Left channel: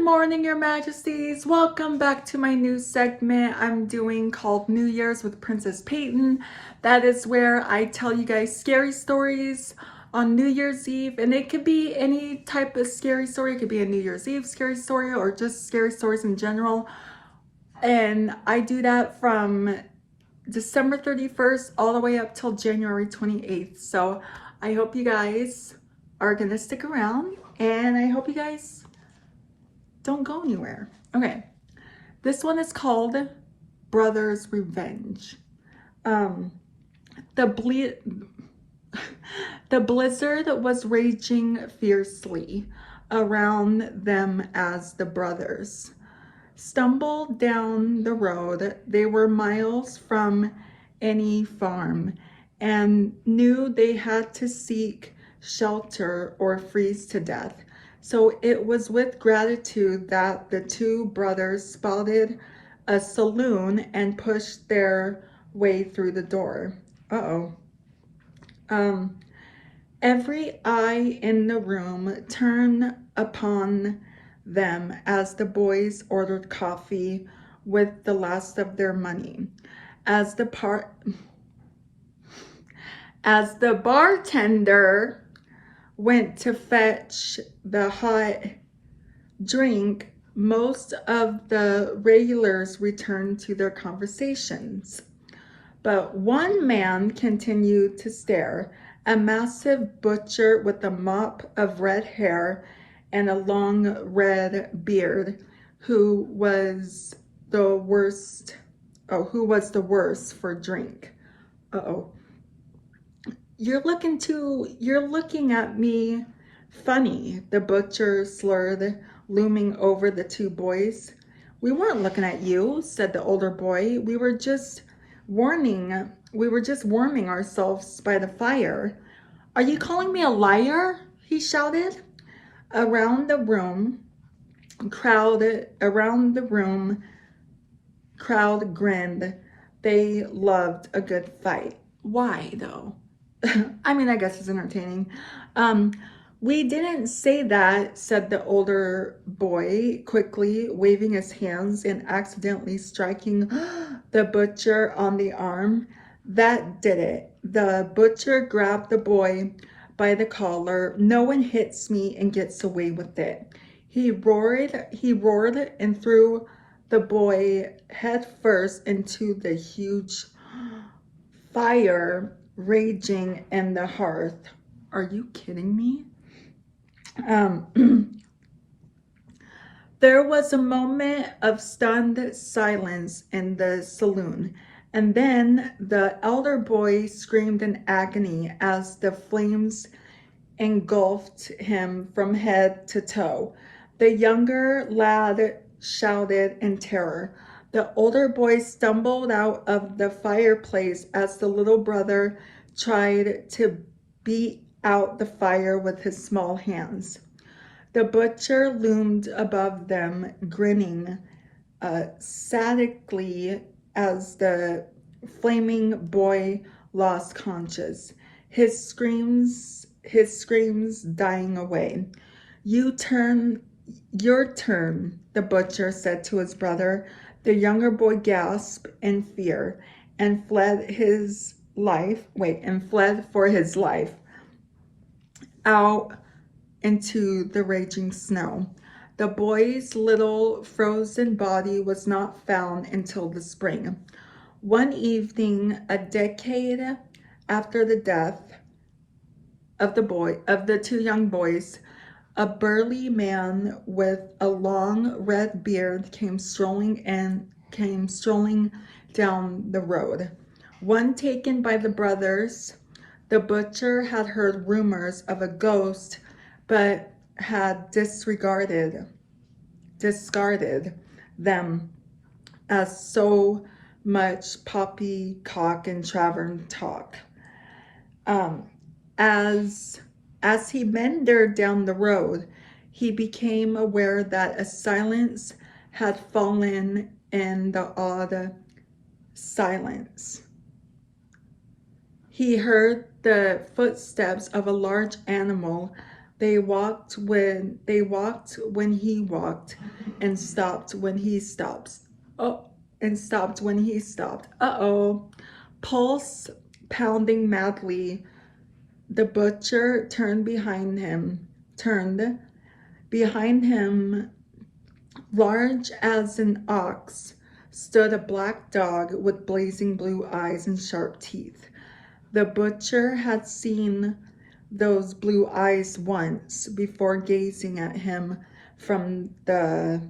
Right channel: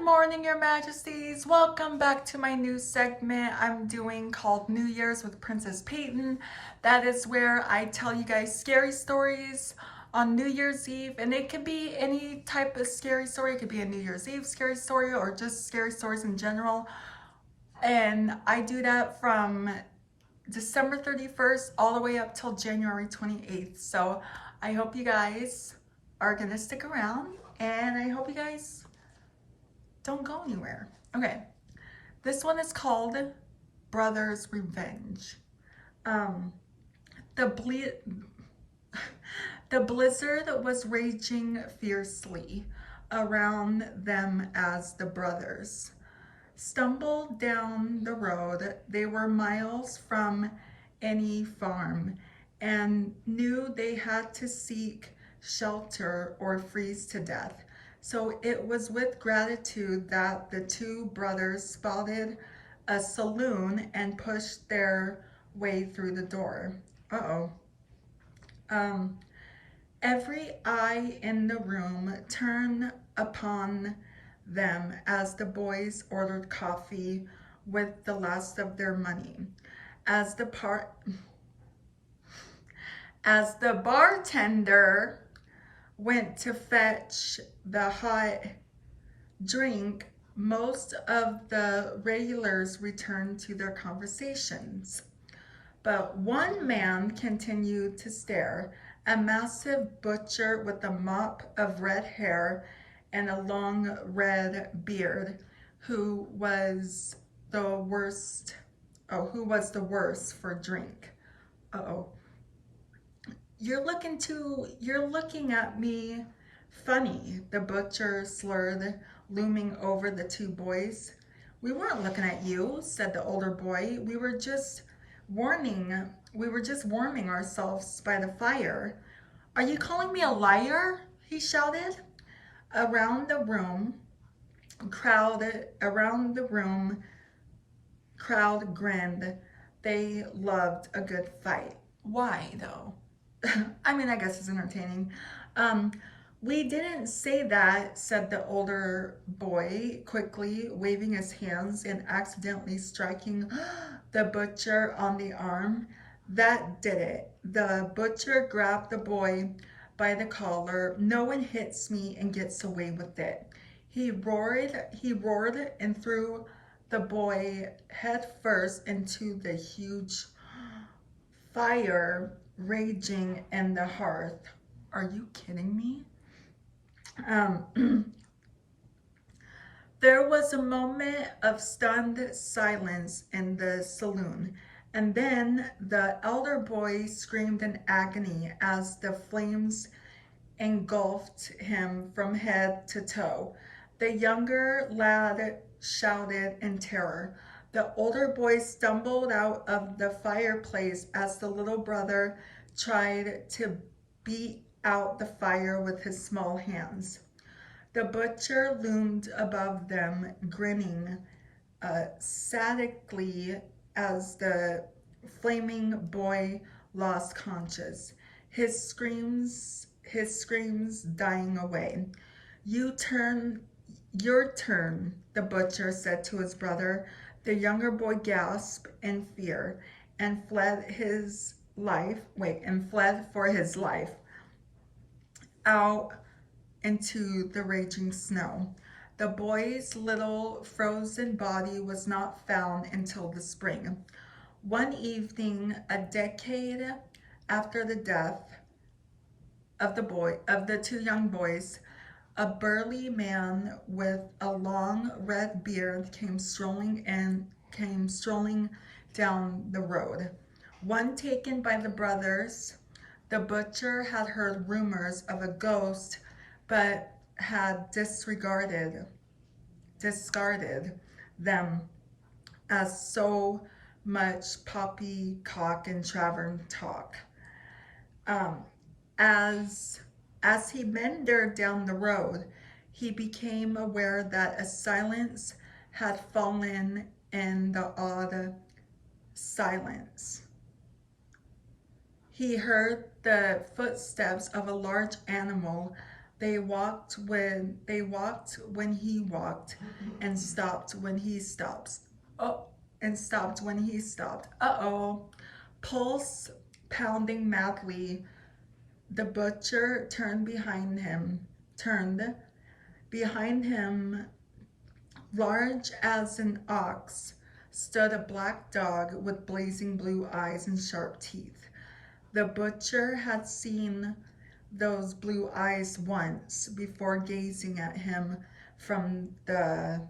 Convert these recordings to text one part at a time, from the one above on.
Good morning, Your Majesties. Welcome back to my new segment I'm doing called New Year's with Princess Peyton. That is where I tell you guys scary stories on New Year's Eve, and it could be any type of scary story. It could be a New Year's Eve scary story or just scary stories in general. And I do that from December 31st all the way up till January 28th. So I hope you guys are gonna stick around, and I hope you guys don't go anywhere. Okay, this one is called Brother's Revenge. Um, the the blizzard was raging fiercely around them as the brothers stumbled down the road. They were miles from any farm and knew they had to seek shelter or freeze to death. So it was with gratitude that the two brothers spotted a saloon and pushed their way through the door. Uh-oh. Um, every eye in the room turned upon them as the boys ordered coffee with the last of their money. As the bartender went to fetch the hot drink, most of the regulars returned to their conversations. But one man continued to stare, a massive butcher with a mop of red hair and a long red beard, who was the worst for drink. Uh-oh. You're looking at me funny, the butcher slurred, looming over the two boys. We weren't looking at you, said the older boy. We were just warming ourselves by the fire. Are you calling me a liar? He shouted. Around the room, crowd grinned. They loved a good fight. Why though? I mean, I guess it's entertaining. We didn't say that, said the older boy, quickly waving his hands and accidentally striking the butcher on the arm. That did it. The butcher grabbed the boy by the collar. No one hits me and gets away with it. He roared and threw the boy head first into the huge fire raging in the hearth. Are you kidding me? There was a moment of stunned silence in the saloon, and then the elder boy screamed in agony as the flames engulfed him from head to toe. The younger lad shouted in terror. The older boy stumbled out of the fireplace as the little brother tried to beat out the fire with his small hands. The butcher loomed above them, grinning sadically as the flaming boy lost conscious, his screams dying away. Your turn, the butcher said to his brother. The younger boy gasped in fear and fled for his life out into the raging snow. The boy's little frozen body was not found until the spring. One evening, a decade after the death of the two young boys, a burly man with a long red beard came strolling down the road. One taken by the brothers, the butcher had heard rumors of a ghost, but had discarded them as so much poppycock and tavern talk. As he meandered down the road, he became aware that a silence had fallen in the odd silence. He heard the footsteps of a large animal They walked when he walked, and stopped when he stops. Oh, and stopped when he stopped. Uh-oh. Pulse pounding madly, the butcher turned behind him, large as an ox, stood a black dog with blazing blue eyes and sharp teeth. The butcher had seen those blue eyes once before, gazing at him from the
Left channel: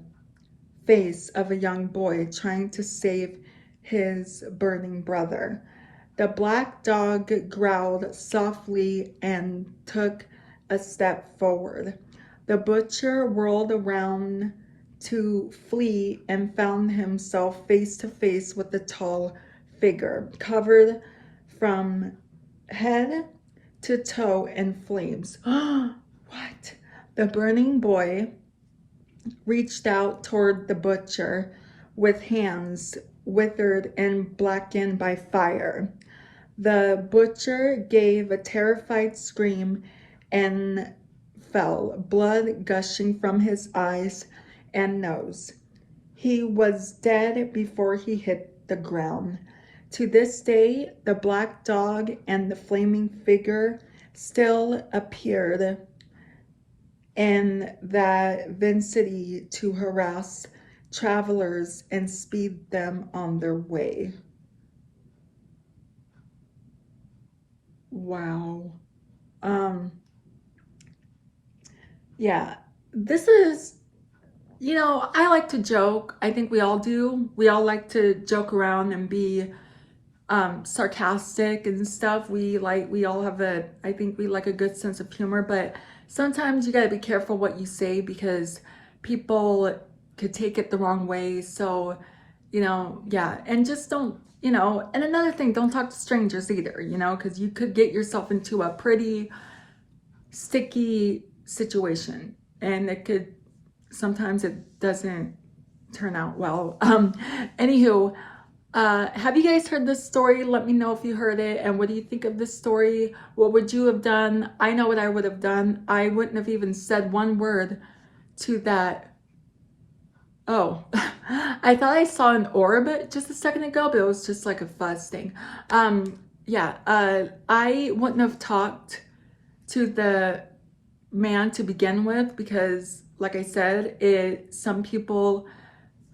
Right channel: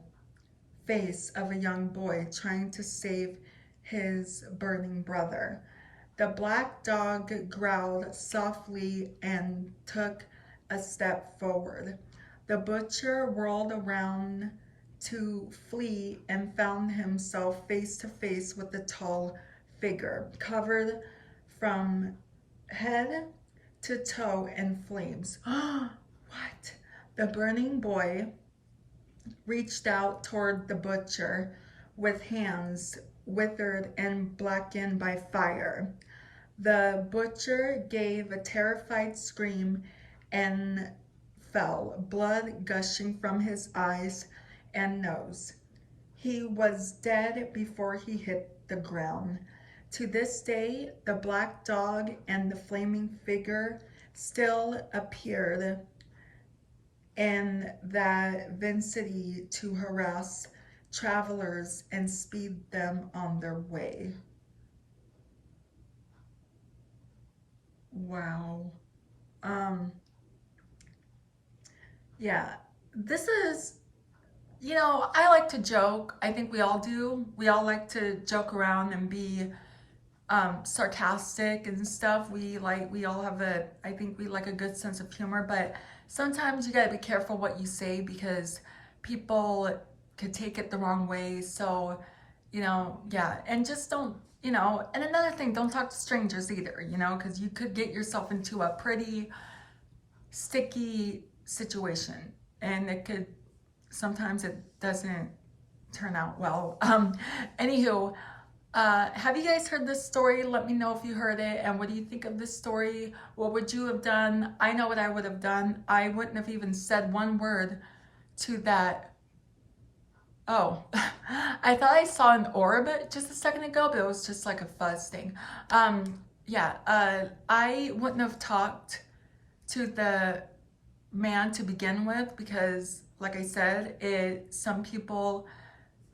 face of a young boy trying to save his burning brother. The black dog growled softly and took a step forward. The butcher whirled around to flee and found himself face to face with a tall figure, covered from head to toe in flames. What? The burning boy reached out toward the butcher with hands withered and blackened by fire. The butcher gave a terrified scream and fell, blood gushing from his eyes and nose. He was dead before he hit the ground. To this day, the black dog and the flaming figure still appeared in that vicinity to harass travelers and speed them on their way. Wow. Yeah, this is, I like to joke. I think we all do. We all like to joke around and be sarcastic and stuff. We all have I think we like a good sense of humor, but sometimes you gotta be careful what you say because people could take it the wrong way. So, yeah, and just don't, and another thing, don't talk to strangers either, because you could get yourself into a pretty sticky situation, and sometimes it doesn't turn out well. Anywho, have you guys heard this story? Let me know if you heard it, and what do you think of this story? What would you have done? I know what I would have done. I wouldn't have even said one word to that. Oh, I thought I saw an orb just a second ago, but it was just like a fuzz thing. Yeah, I wouldn't have talked to the man to begin with because, like I said, some people,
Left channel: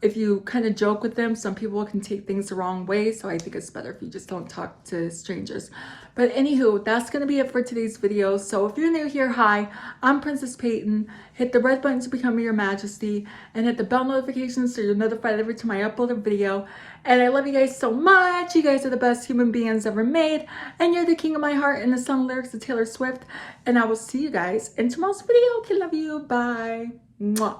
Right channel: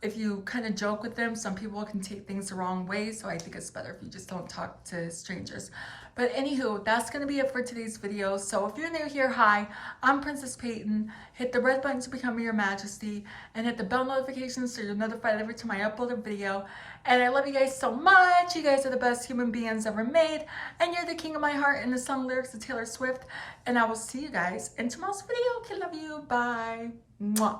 if you kind of joke with them, some people can take things the wrong way. So I think it's better if you just don't talk to strangers. But anywho, that's going to be it for today's video. So if you're new here, hi, I'm Princess Peyton. Hit the red button to become your majesty and hit the bell notifications so you're notified every time I upload a video. And I love you guys so much. You guys are the best human beings ever made. And you're the king of my heart and the song lyrics of Taylor Swift. And I will see you guys in tomorrow's video. Okay, love you. Bye. Mwah.